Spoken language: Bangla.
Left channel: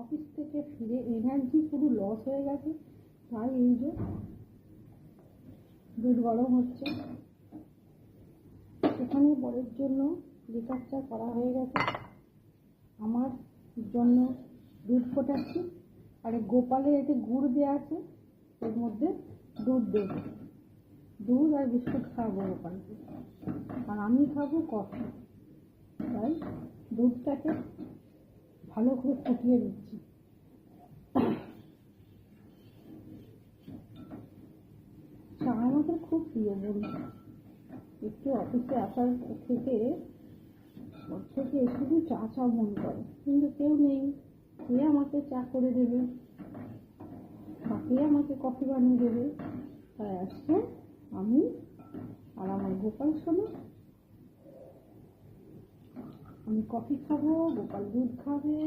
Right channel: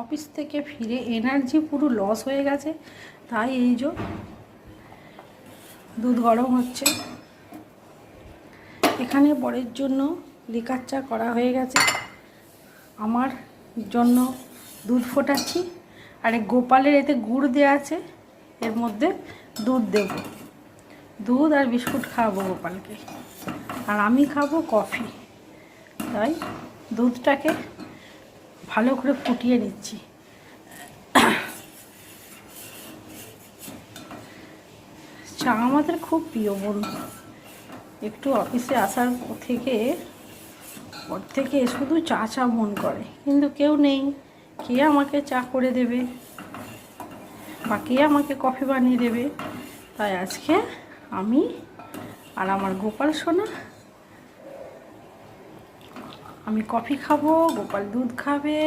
অফিস থেকে ফিরে এনার্জি পুরো লস হয়ে গেছে, তাই এই যে দুধ গরম হচ্ছে। এখানে বরের জন্য লিকার চা করা হয়ে গেছে, আমার জন্য দুধ ফোটাচ্ছি। আর এই গোপালের এতে গুড় দেওয়া আছে, এর মধ্যে দুধ দেব, দুধ আর বিস্কুট খাওয়াবো গোপালকে, আর আমি খাবো কফি। তাই দুধটাকে ভালো করে ফুটিয়ে নিচ্ছি। চা আমাদের খুব প্রিয় বন্ধু। একটু অফিসে আসার থেকে শুধু চা চা মন করে, কিন্তু কেউ নেই, কে আমাকে চা করে দেবে বা কে আমাকে কফি বানিয়ে দেবে। তাই আজকে আমি আর আমার গোপাল সোনা, আমি কফি খাবো, গোপাল দুধ খাবে।